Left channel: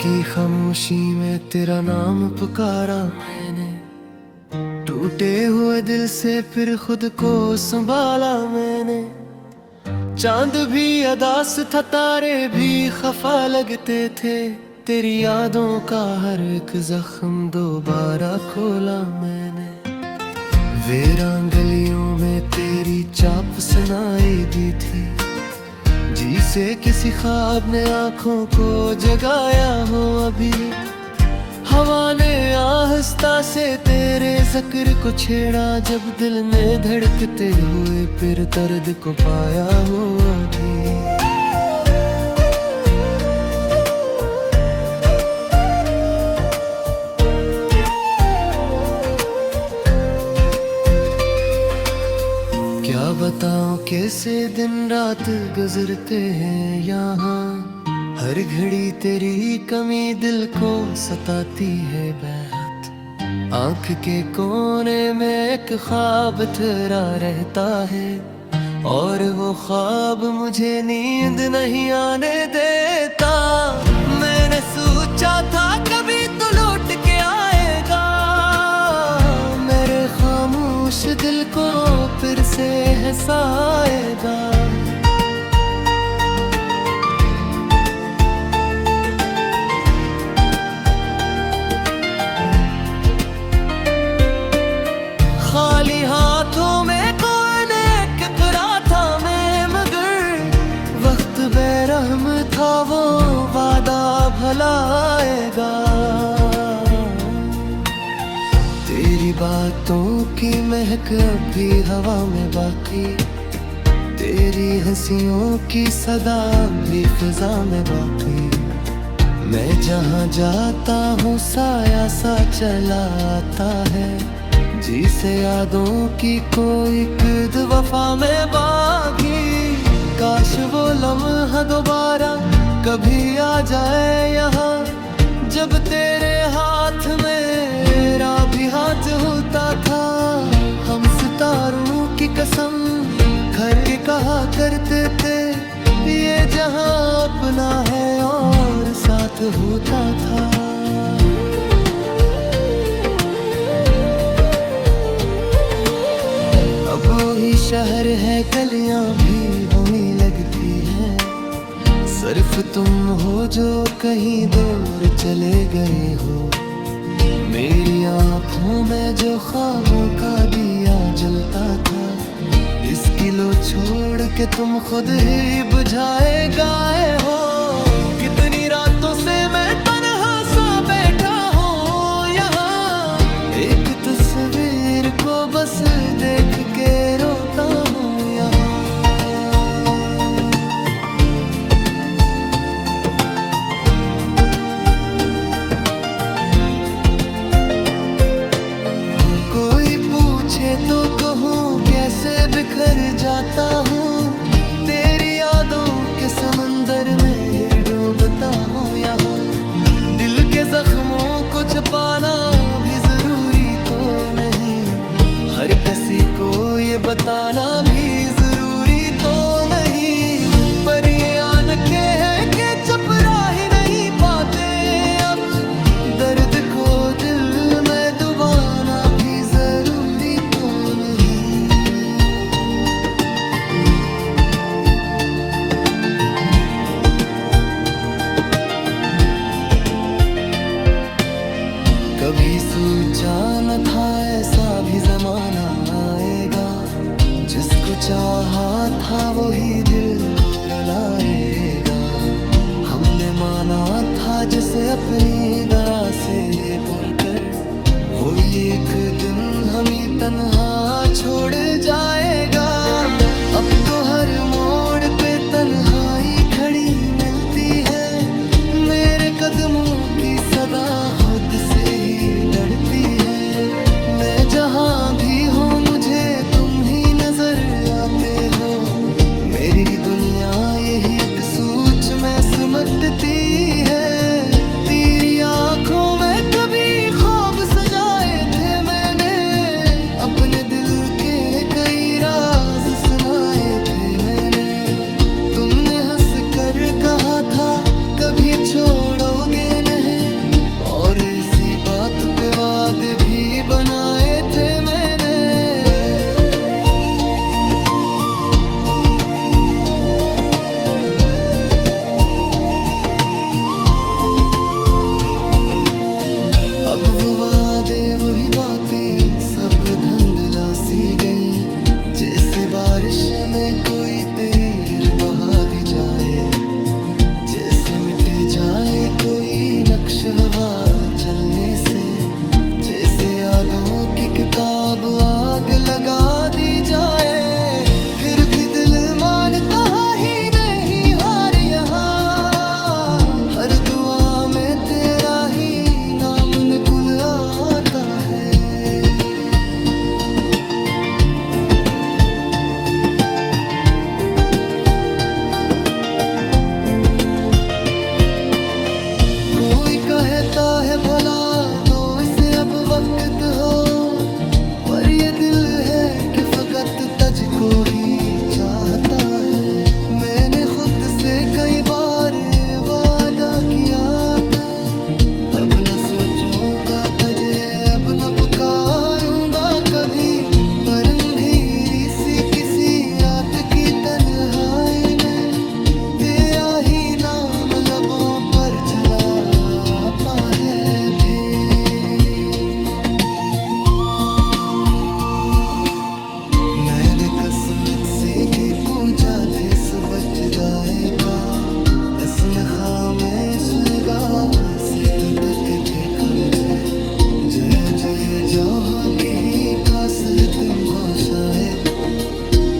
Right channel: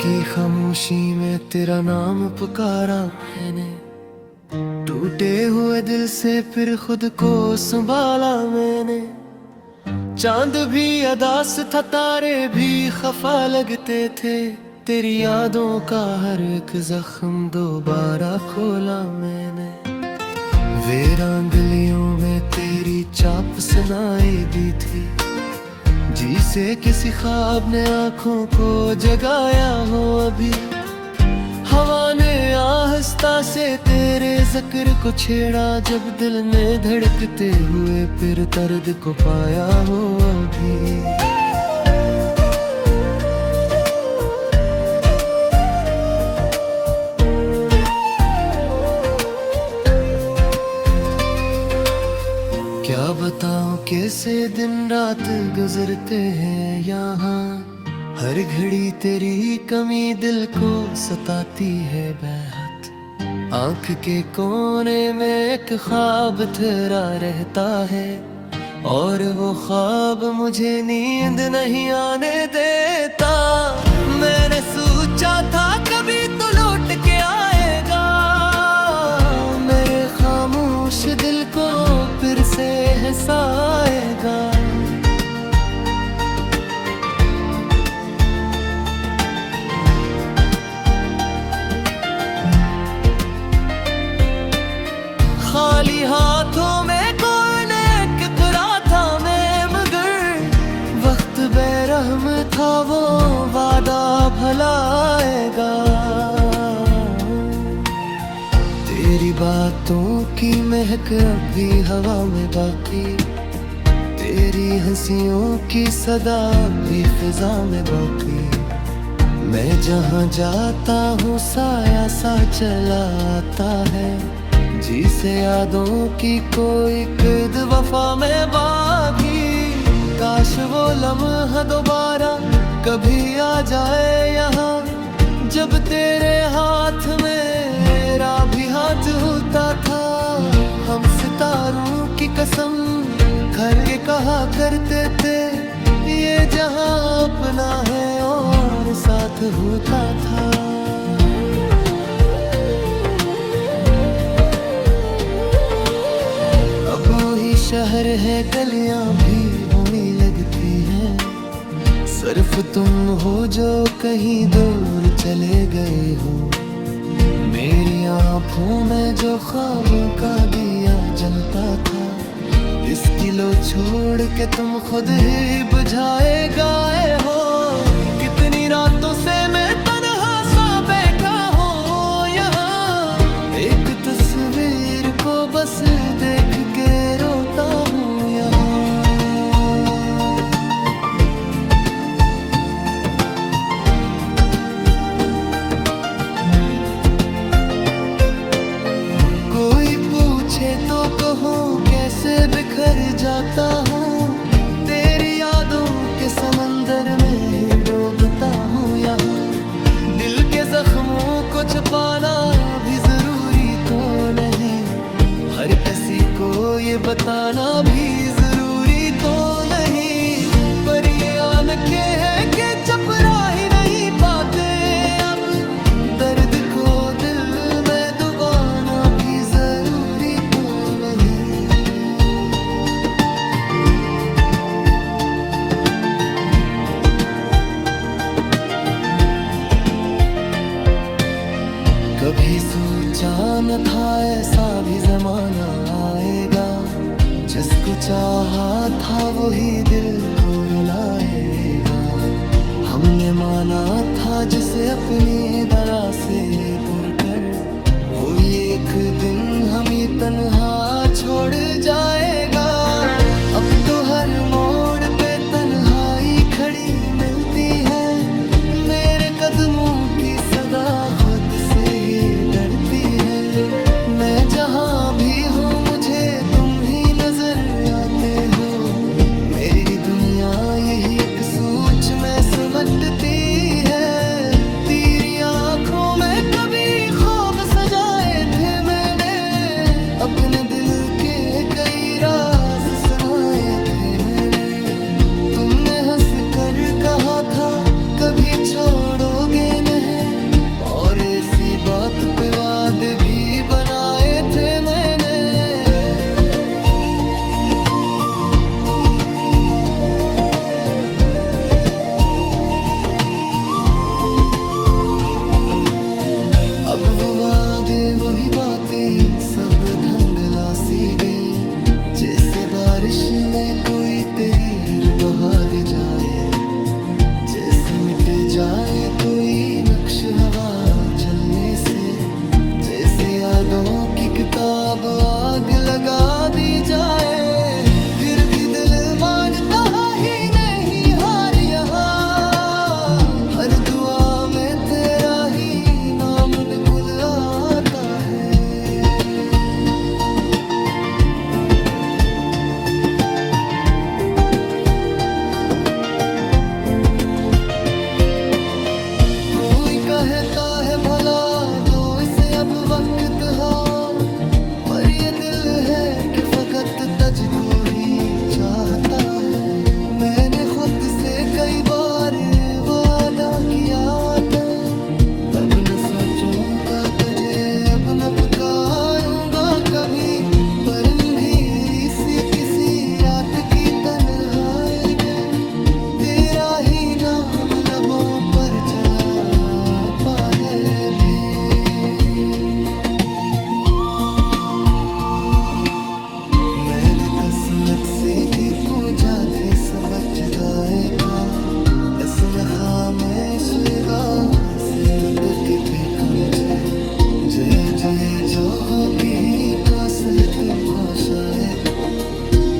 की खामोशी में तेरा नाम पुकारा मैंने, टूटे हुए दिल से फिर खुद को संभाला मैंने। चांद भी अदास था, तारे भी खफा लगते थे, तेरी यादों का हर एक जख्म दोबारा खोला मैंने। वीरान गलियों में तेरी चाप सुनाई दी थी, जिसे किसी ख्वाब ने आंखों को जगाया हो अभी। हवा ने आहिस्ता से तेरे जिक्र को छेड़ा, जब दिल ने धड़कते हुए फिर दर्द को पाया हो अभी। क्या बताऊं कैसे दिन रात गुजरते हैं यहाँ, हर घड़ी तेरी कमी दिल को सताती है बेहद। आंख के कोने में एक ख्वाब तेरा रहता है, और वो ख्वाब मुझे नींद नहीं आने देता। मैंने सोचा था कभी तो लौट के आएगा, मेरे खामोश दिल को फिर से हंसाएगा। खाली हाथों में कौन टकरा था मैं, मगर वक्त बेरहम था, वो वादा भला आएगा। तेरी बातों की महक अब भी हवा में बाकी, तेरी हंसियों की सदा अब भी फिजा में बाकी। मैं जहाँ जाता हूँ साया सा चला आता है, जिसे यादों की कोई कद वफा में बागी। काश वो लम्हा दोबारा कभी आ जाए यहाँ, जब तेरे हाथ में मेरा भी हाथ होता था। हम सितारों की कसम खर के कहा करते थे, ये जहां अपना है और साथ होता था। अब वही शहर है, गलियां भी होने लगती हैं, सिर्फ तुम हो जो कहीं दूर चले गए हो। मेरी आँखों में जो ख्वाबों का दिया जलता था, इसकी लो छोड़ के तुम खुद ही बुझाए गए हो। कितनी रातों से मैं तन्हा सा बैठा हूँ यहाँ, एक तस्वीर को बस देख के रोता हूँ यहाँ। कोई पूछे तो कहूँ कैसे बिखर जाता हूँ, तेरी यादों के समंदर में ही डूबता हूँ यहाँ। दिल के जख्मों को छुपाना भी जरूरी तो नहीं, हर किसी को ये बताना भी जरूरी तो नहीं। पर ये आंखें हैं कि चपरा ही नहीं पाते अब, दर्द को दिल में डुबाना भी जरूरी तो नहीं। कभी सोचा न था ऐसा भी जमाना आएगा, जिसको चाहा था वही दिल को रुलाएगा। हमने माना था जिसे अपनी दरा से पुरकर, वो एक दिन हमें तन्हा छोड़ जाएगा। अब तो हर मोड़ पे तन्हाई खड़ी मिलती है, मेरे कदमों की सदा खुद से ही डरती है। मैं जहाँ भी हूँ मुझे तुम ही नजर आते हो, मेरी दुनिया यही एक सोच में सिमटती है। तेरी आँखों में कभी ख्वाब सजाए थे मैंने, अपने दिल के कई राज सुनाए थे मैंने। तुमने हंस कर कहा था कभी छोड़ोगे नहीं, और इसी बात पे वादे भी बनाए थे मैंने। अब वो वादे वही बातें सब धुंधला सी गईं, जैसे बारिश में कोई तीर बहा दी जाए, जैसे मिट जाए कोई नक्श हवा चलने से, जैसे यादों की किताब आग लगा दी जाए। फिर भी दिल मानता ही नहीं हार यहाँ, हर दुआ में तेरा ही नाम निकुल आता है। कोई कहता है भला दो इसे अब वक्त हो, पर ये दिल है कि फकत तुझको ही चाहता है। मैंने खुद से कई बार वादा किया था, अब न सोचूंगा तुझे, अब न पुकारूंगा कभी। पर अंधेरी सी किसी रात की तन्हाई में तेरा ही नाम लबों पर चला पा है भी। मैंने कसमत से कि कुजा थे सबच गाए का, इसमें खामेश गाह से लुटक के कमझे। जय जय जहाँ की ही कास है तुमको शायद,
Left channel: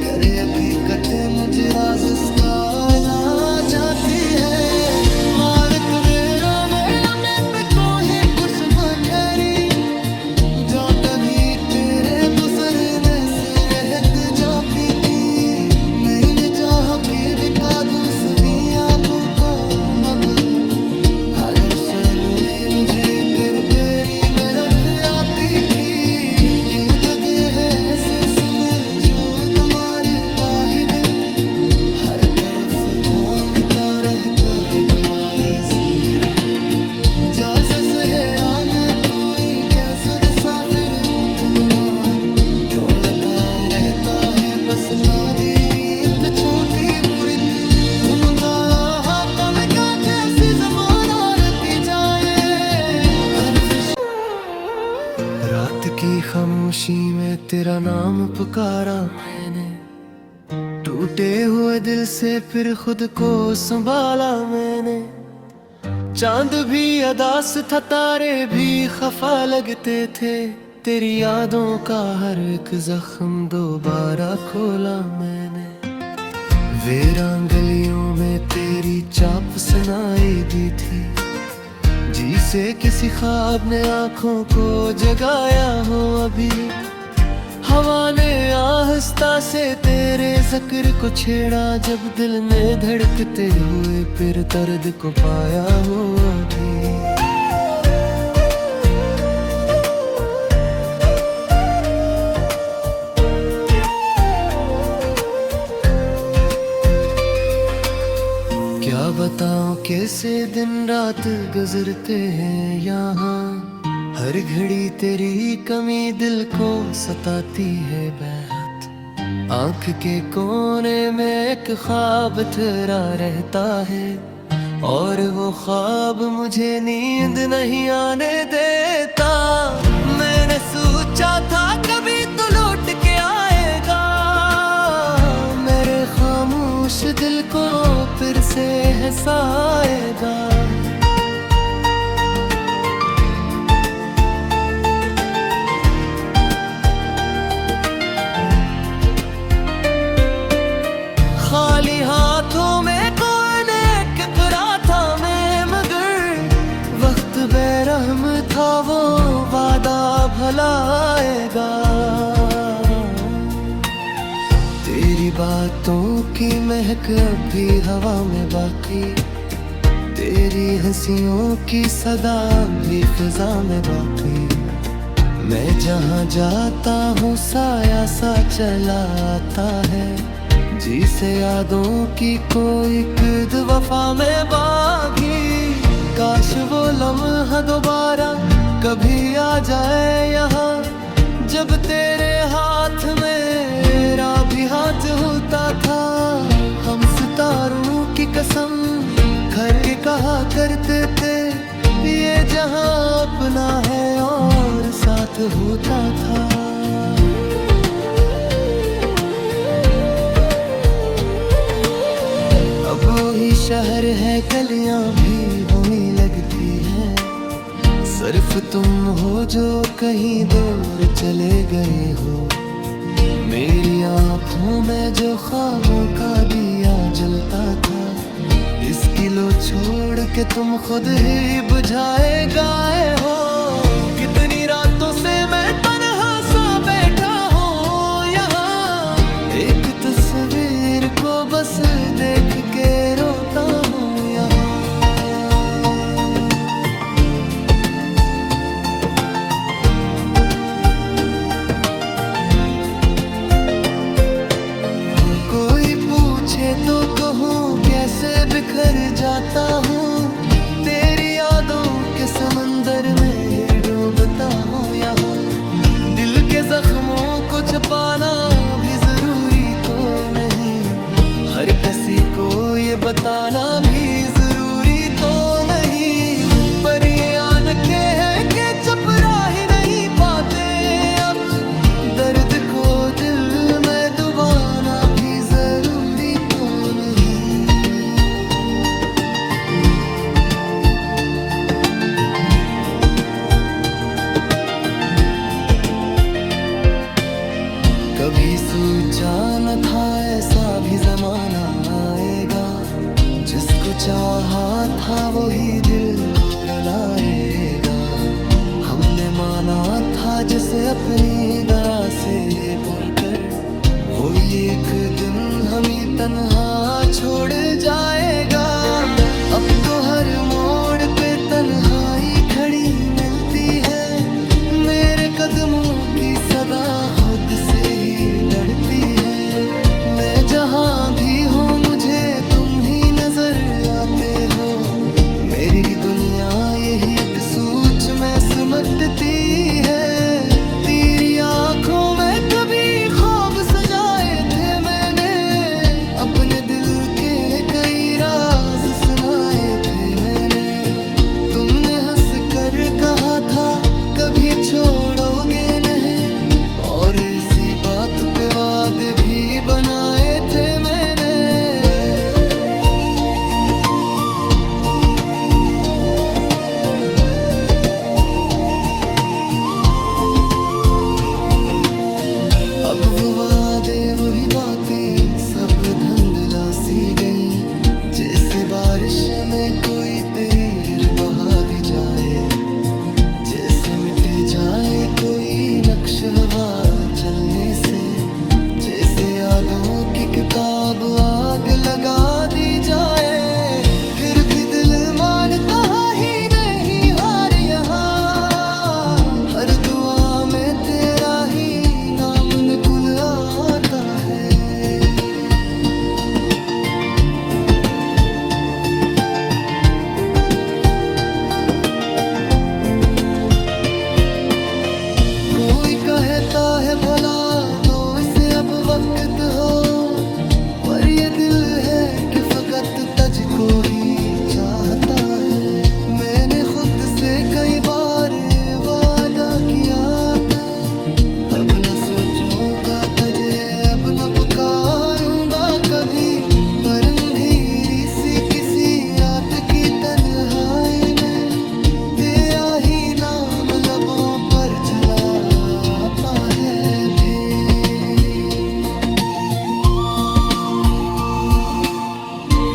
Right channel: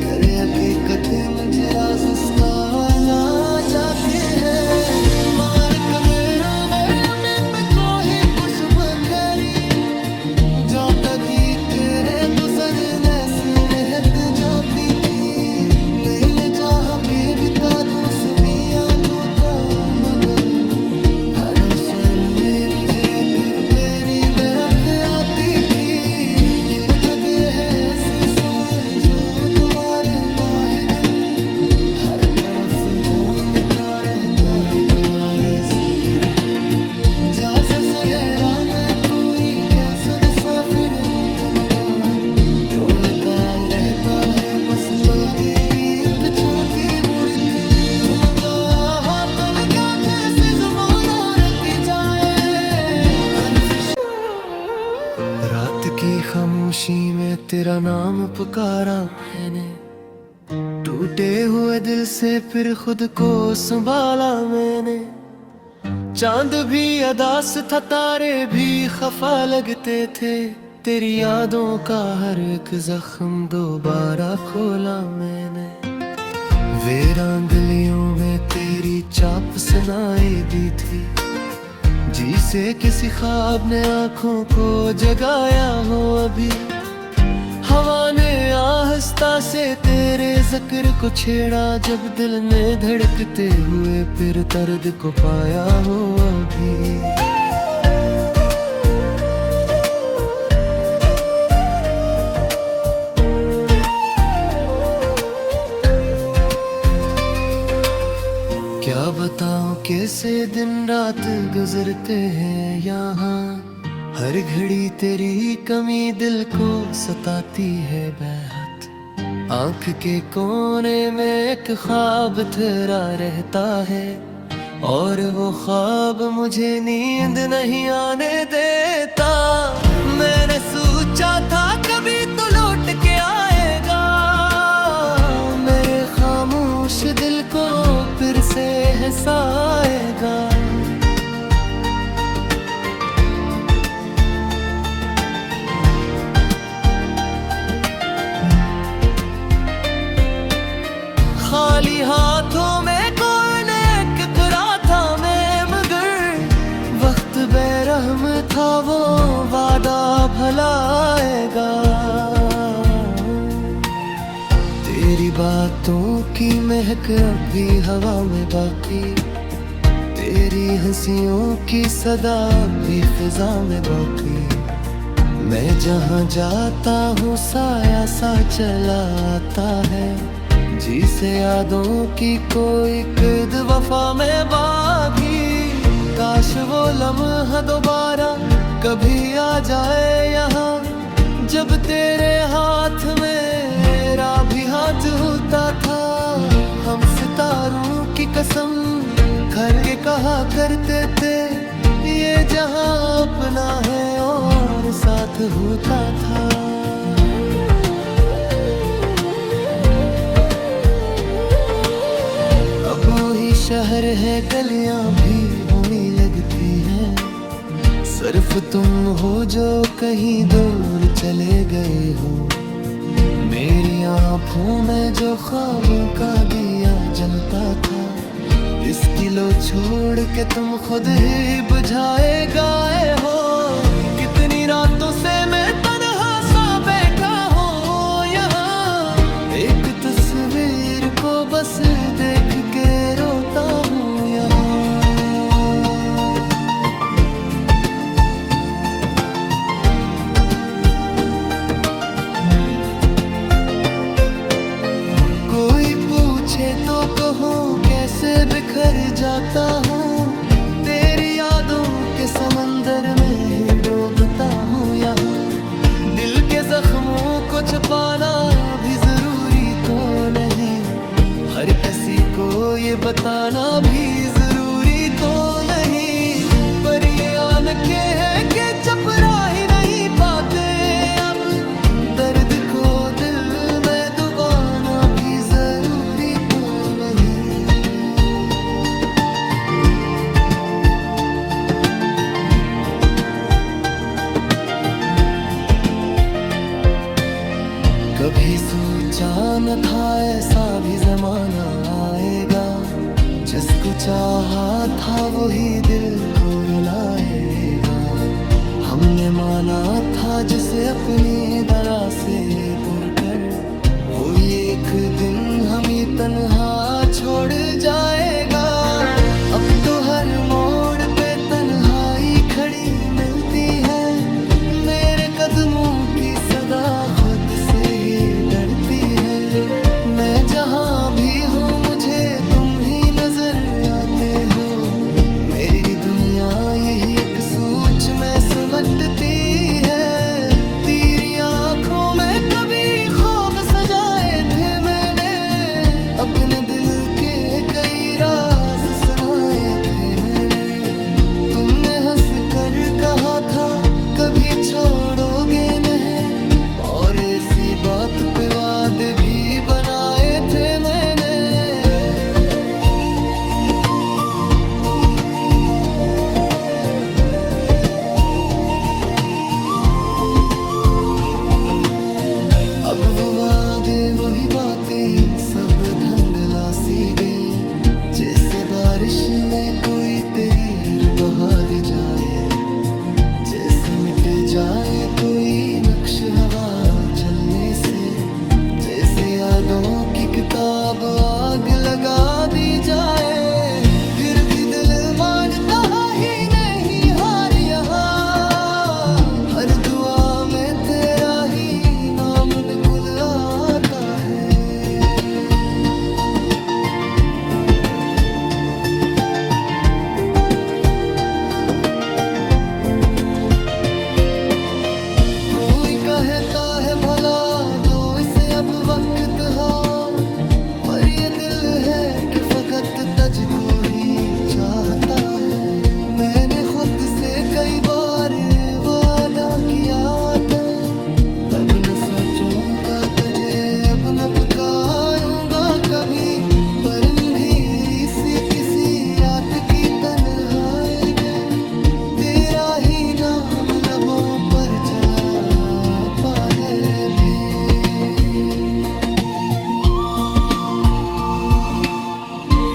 करे हकीकत मुझे राज उसका ला जाती है। मान कबेरो पे कोई कुछ ठहरी, जो तभी तेरे गुजरने से रहत जाती थी। नहीं जहाँ के बिका दूसरियाँ बुका मगर, हर शैनू में मुझे फिर तेरी बरफ आती थी। ये तो दे है ऐसे समझो तुम्हारे लाहिद, हर तरफ घूमता रहता है कुंवारी सी मेरा। जैसा सहरा में कोई कैसा साफिर तुम डूलता रहता है बस बादी रीत छोटी बुरित। तुम गाया पल का जैसे ज़माना रहती जाए हर रात की खामोशी में तेरा नाम पुकारा मैंने, टूटे हुए दिल से फिर खुद को संभाला मैंने। चांद भी अदास था, तारे भी खफा लगते थे, तेरी यादों का हर एक जख्म दोबारा खोला मैंने। वीरान गलियों में तेरी चाप सुनाई दी थी, जिसे किसी ख्वाब ने आंखों को जगाया हो अभी। हवा ने आहिस्ता से तेरे जिक्र को छेड़ा, जब दिल ने धड़कते हुए फिर दर्द को पाया हो अभी। क्या बताऊं कैसे दिन रात गुजरते हैं यहाँ, हर घड़ी तेरी कमी दिल को सताती है बेहद। आंख के कोने में एक ख्वाब तेरा रहता है, और वो ख्वाब मुझे नींद नहीं आने देता। मैंने सोचा था कभी तो लौट के आएगा, मेरे खामोश दिल को फिर से हंसाएगा। खाली हाथों में कौन एक तुरा था मैं, मगर वक्त बेरहम था वो वादा भला आएगा। तेरी बातों की महक अब भी हवा में बाकी, तेरी हंसियों की सदा भी फिजा में बाकी। मैं जहाँ जाता हूँ साया सा चला आता है, जी से यादों की कोई किद वफा में बागी। काश वो लम्हा दोबारा कभी आ जाए यहाँ, जब तेरे हाथ मेरा भी हाथ होता था। हम सितारों की कसम खर के कहा करते थे, ये जहां अपना है और साथ होता था। अब वही शहर है, गलियां भी होने लगती हैं। सिर्फ तुम हो जो कहीं दूर चले गए हो। मेरी आँखों में जो ख्वाबों का दिया जलता था, इसकी लो छोड़ के तुम खुद ही बुझाए गए हो। कितनी रातों से मैं तन्हा सा बैठा हूँ यहाँ, एक तस्वीर को बस देख के रोता हूँ यहाँ। कोई पूछे तो कहूँ कैसे बिखर जाता हूँ, तेरी यादों के समंदर में ही डूबता हूँ यहाँ। दिल के जख्मों को छुपाना भी जरूरी तो नहीं, हर किसी को ये बताना भी जरूरी तो नहीं। पर ये आंखें हैं कि चपरा ही नहीं पाते अब, दर्द को दिल में डुबाना भी जरूरी तो नहीं। कभी सोचा न था ऐसा भी जमाना आएगा, जिसको चाहा था वही दिल को रुलाएगा। हमने माना था जिसे अपनी दरा से पुरकर, वो एक दिन हमें तन्हा छोड़ जाएगा। अब तो हर मोड़ पे तन्हाई खड़ी मिलती है, मेरे कदमों की सदा खुद से ही डरती है। मैं जहाँ भी हूँ मुझे तुम ही नजर आते हो, मेरी दुनिया यही एक सोच में सिमटती है। तेरी आँखों में कभी ख्वाब सजाए थे मैंने, अपने दिल के कई राज सुनाए थे मैंने। तुमने हंस कर कहा था कभी छोड़ोगे नहीं, और इसी बात पे वादे भी बनाए थे मैंने। अब वो वादे वही बातें सब धुंधला सी गई, जैसे बारिश में कोई तीर बहा दी जाए, जैसे मिट जाए कोई नक्श हवा चलने से, जैसे यादों की किताब आग लगा दी जाए। फिर भी दिल मानता ही नहीं हार यहाँ, हर दुआ में तेरा ही नाम निकुल आता है। कोई कहता है भला दो इसे अब वक्त हो, पर ये दिल है कि फकत तुझको ही चाहता है। मैंने खुद से कई बार वादा किया था, अब न सोचूंगा तुझे, अब न पुकारूंगा कभी। पर अंधेरी सी किसी रात की तन्हाई में तेरा ही नाम लबों पर चला पा है भी।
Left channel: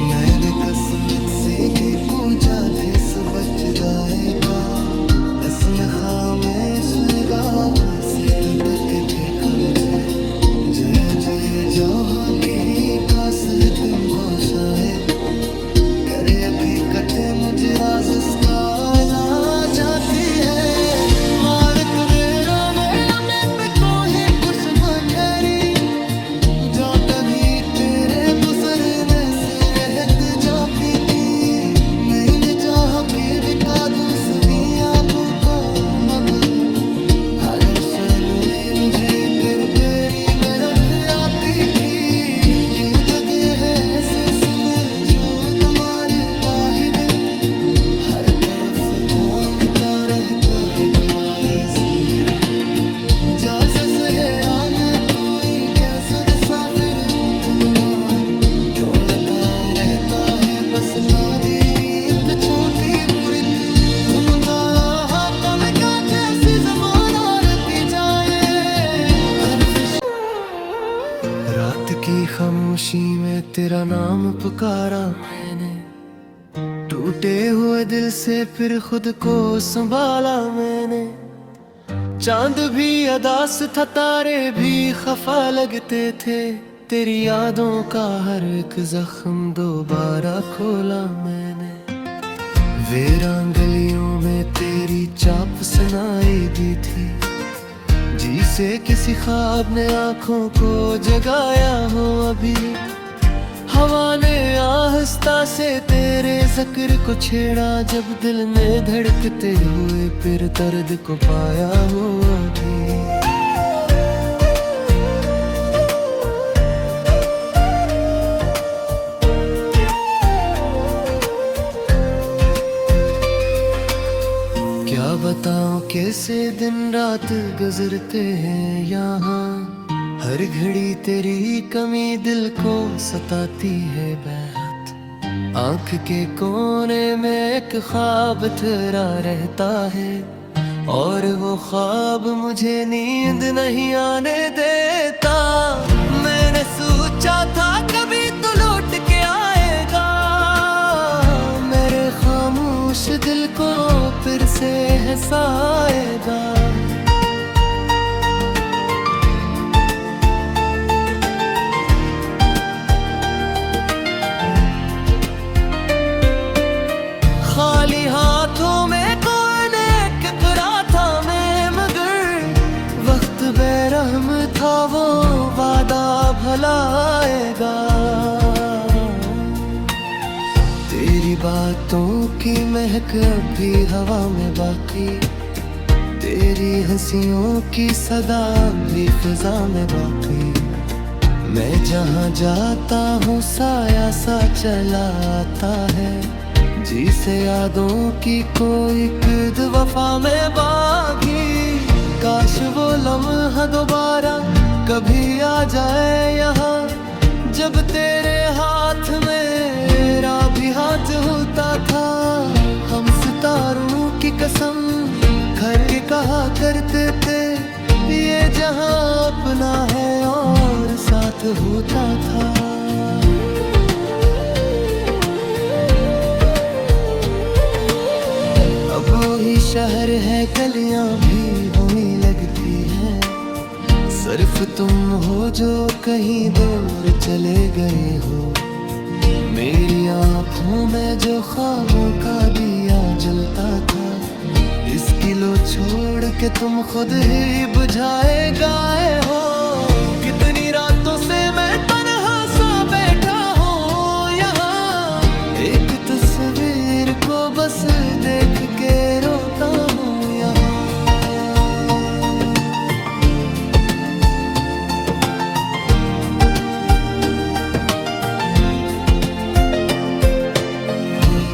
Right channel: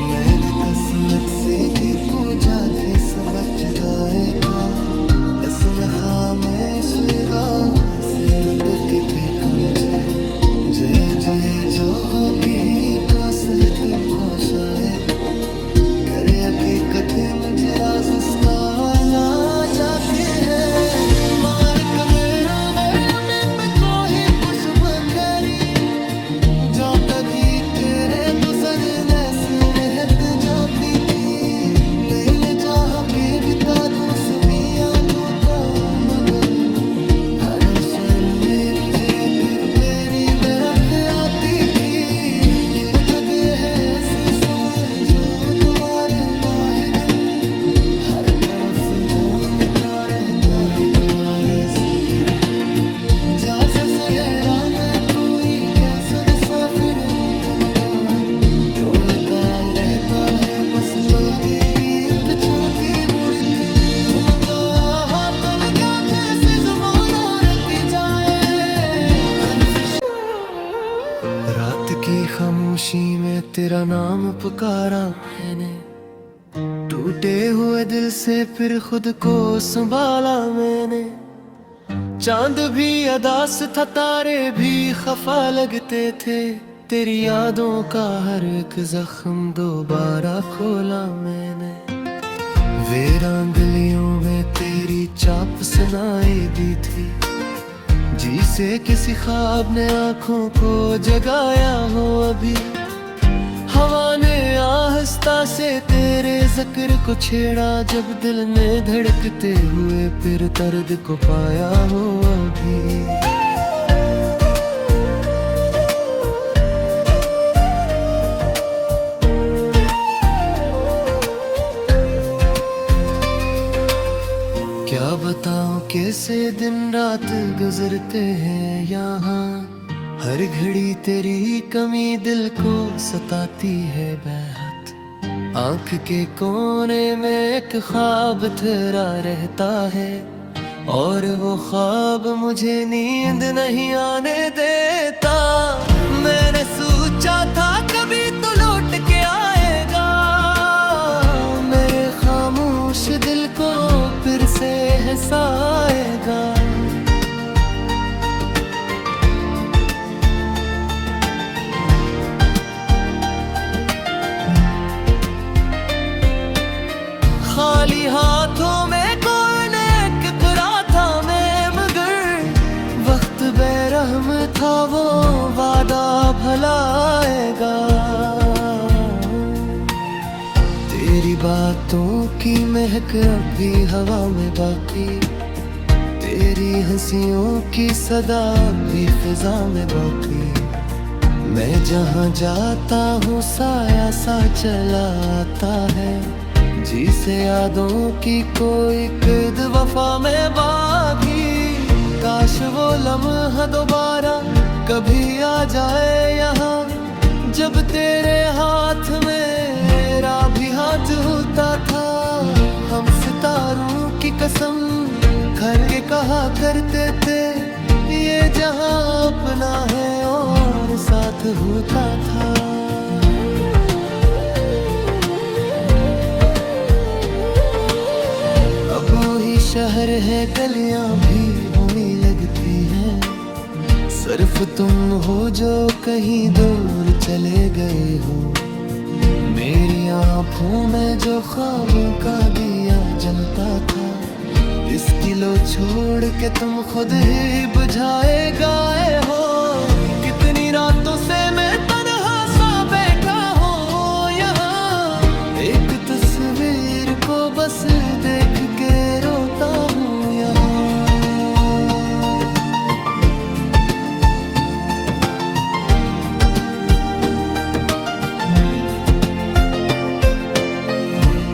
मैंने किस्मत से भी कूजा थे सब बच जाएगा, इसमें खामेश गाहों से लुटक के देखा मुझे। जय जय जहाँ की ही कास है तुमको शायद, करे हकीकत मुझे राज उसका ला जाती है। मान कदेरों में अभी पे कोई कुछ बखरी, जो कभी थे गुजरने से रहत जाती थी, नहीं चाह के बिका दूं सभी आबों को मगर हर हुसैन में मुझे फिर बेरी बरफ आती थी। ये जगह है ऐसे समझो तुम्हारे वाहिद, हर तरफ घूमता रहता है तुम्हारी सुमेरा। जैसा सहरा में कोई कैसा साफिर तुम डोलता रहता है बस तारीफ छोटी बुरित तुम गाया कल का जैसे ज़बान आरती जाए हर रात की खामोशी में तेरा नाम पुकारा मैंने, टूटे हुए दिल से फिर खुद को संभाला मैंने। चांद भी अदास था, तारे भी खफा लगते थे, तेरी यादों का हर एक जख्म दोबारा खोला मैंने। वीरान गलियों में तेरी चाप सुनाई दी थी, जिसे किसी ख्वाब ने आंखों को जगाया हो अभी। हवा ने आहिस्ता से तेरे ज़िक्र को छेड़ा, जब दिल ने धड़कते हुए फिर दर्द को पाया हो अभी। क्या बताऊं कैसे दिन रात गुजरते हैं यहाँ, हर घड़ी तेरी कमी दिल को सताती है बेहद। आँख के कोने में एक ख्वाब तेरा रहता है, और वो ख्वाब मुझे नींद नहीं आने देता। मैंने सोचा था कभी तो लौट के आएगा, मेरे खामोश दिल को फिर से हंसाएगा। खाली हाथों में कौन टकरा था मैं, मगर वक्त बेरहम था वो वादा भला आएगा। तेरी बातों की महक अब भी हवा में बाकी, तेरी हंसियों की सदा भी फिजा में बाकी। मैं जहाँ जाता हूँ साया सा चला आता है, जिसे यादों की कोई किद वफा में बागी। काश वो लम्हा दोबारा कभी आ जाए यहाँ, जब तेरे हाथ मेरा भी हाथ होता था। हम सितारों की कसम खर के कहा करते थे, ये जहां अपना है और साथ होता था। अब वही शहर है, गलियां भी होने लगती हैं, सिर्फ तुम हो जो कहीं दूर चले गए हो। मेरी आँखों में जो ख्वाबों का दिया जलता था, इसकी लो छोड़ के तुम खुद ही बुझाए गए हो। कितनी रातों से मैं तन्हा सा बैठा हूँ यहाँ, एक तस्वीर को बस देख के रोता हूँ यहाँ।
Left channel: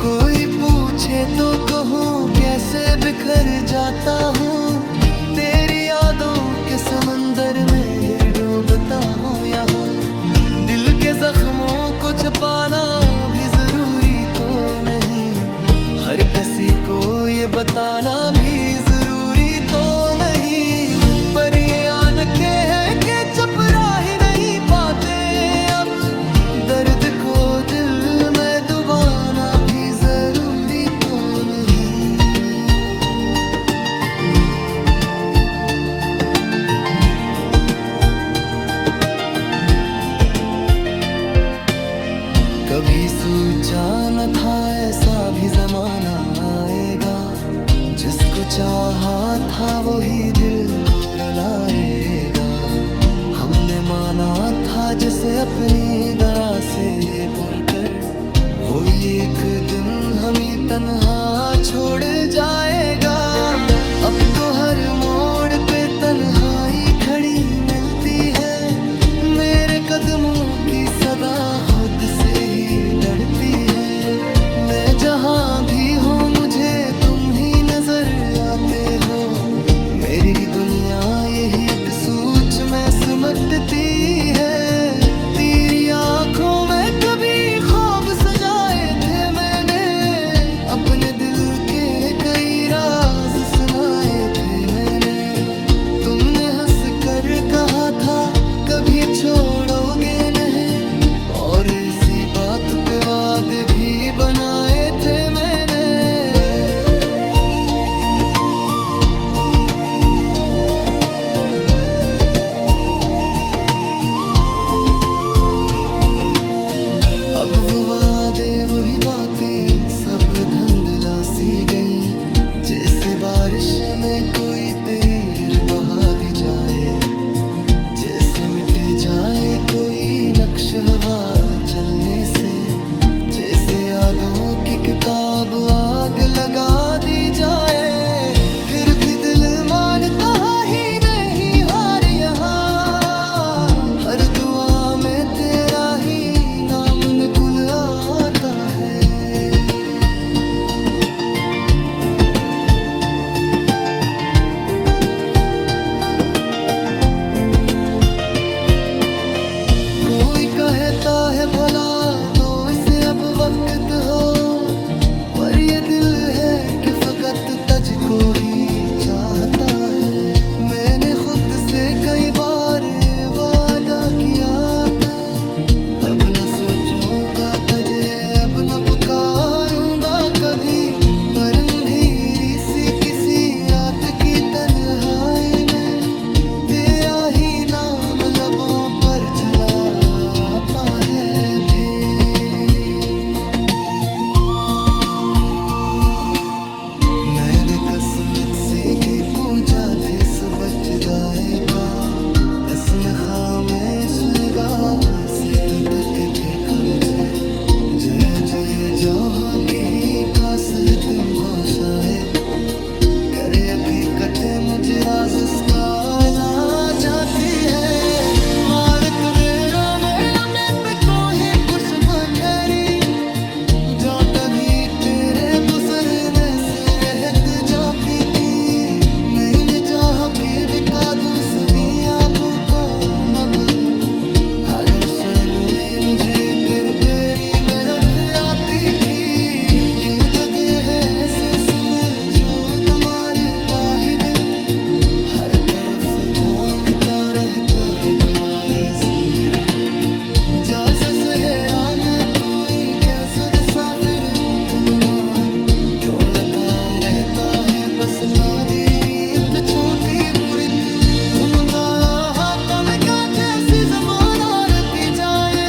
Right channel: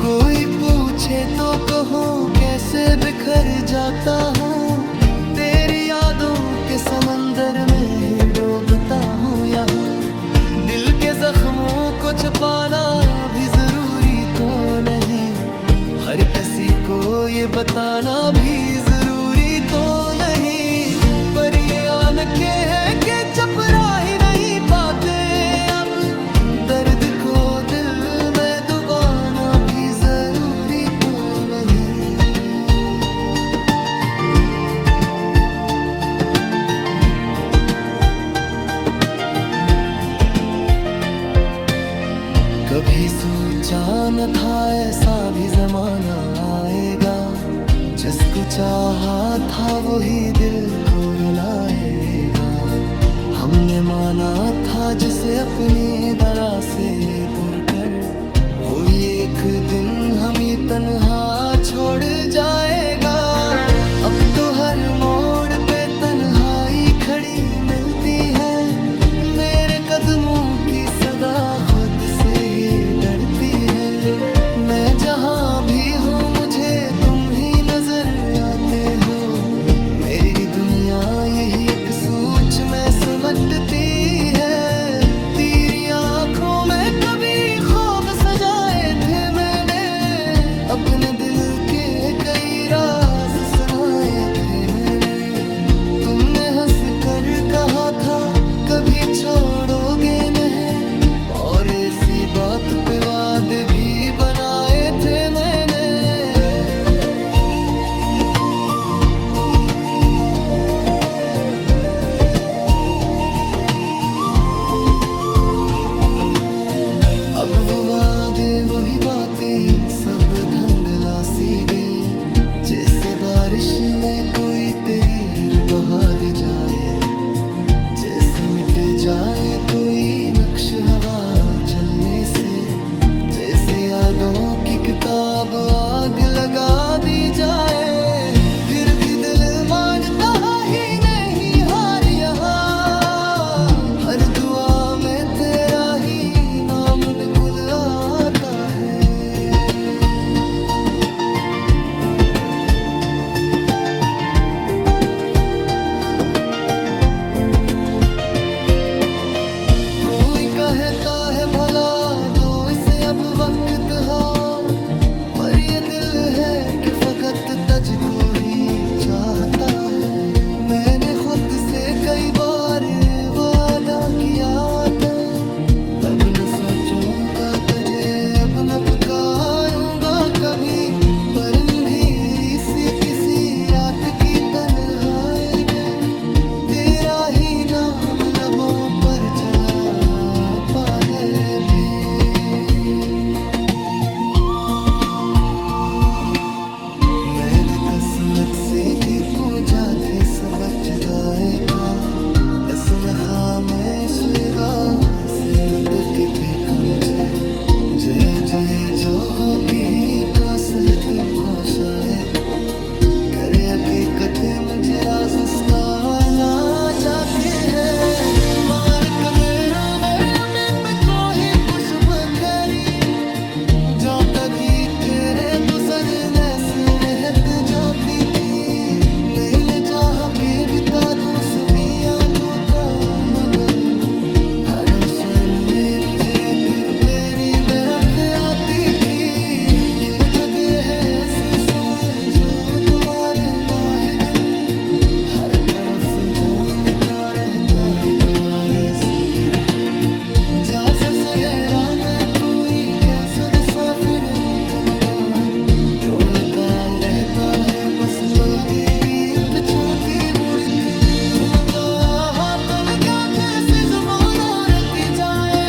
कोई पूछे तो कहूँ कैसे बिखर जाता हूँ, तेरी यादों के समंदर में ही डूबता हूँ यहाँ। दिल के जख्मों को छुपाना भी जरूरी तो नहीं, हर किसी को ये बताना भी जरूरी तो नहीं। पर ये आंखें हैं कि चपरा ही नहीं पाते अब, दर्द को दिल में डुबाना भी जरूरी तो नहीं। कभी सोचा न था ऐसा भी जमाना आएगा, जिसको चाहा था वही दिल को रुलाएगा। हमने माना था जिसे अपनी दरा से बुरकर, वो एक दिन हमें तन्हा छोड़ जाएगा। अब तो हर मोड़ पे तन्हाई खड़ी मिलती है, मेरे कदमों की सदा खुद से ही डरती है। मैं जहाँ भी हूँ मुझे तुम ही नजर आते हो, मेरी दुनिया यही एक सोच में सिमटती है। तेरी आंखों में कभी ख्वाब सजाए थे मैंने, अपने दिल के कई राज सुनाए थे मैंने। तुमने हंस कर कहा था कभी छोड़ोगे नहीं, और इसी बात पे वादे भी बनाए थे मैंने। अब वो वादे वही बातें सब धुंधला सी गईं, जैसे बारिश में कोई तीर बहा दी जाए, जैसे मिट जाए कोई नक्श हवा चलने से, जैसे यादों की किताब आग लगा दी जाए। फिर भी दिल मानता ही नहीं हार यहाँ, हर दुआ में तेरा ही नाम निकुल आता है। कोई कहता है भला दो इसे अब वक्त हो, पर ये दिल है कि फकत तुझको ही चाहता है। मैंने खुद से कई बार वादा किया था, अब न सोचूंगा तुझे, अब न पुकारूंगा कभी। पर अंधेरी सी किसी रात की तन्हाई में तेरा ही नाम लबों पर चला पा है भी। मैं भी किस्मत से कि को जाते सब बच जाएगा, इसमें खामेश गाह से लुटक देखा मुझे। जय जय जहाँ की ही कास है तुमको शायद, करे हकीकत मुझे राज उसका ला जाती है। मान कबेरो अभी पे कोई कुछ बखरी, जो कभी तेरे गुजरने से रहत जाती थी। नहीं जहाँ की बिका दूँ सभी आबों को मगर, हर हुसैन में मुझे फिर तेरी बरफ आती थी। ये जगह है ऐसे समझो तुम्हारे लाहिद, हर तरफ घूमता रहता है कुंवारी से मेरा। जैसा सहरा में तू ही कैसा साफिर तुम मार, डोलता रहता है बस बादी रीत छोटी बुरित। तुम गाया कल का जैसे जमाना रहती जाए,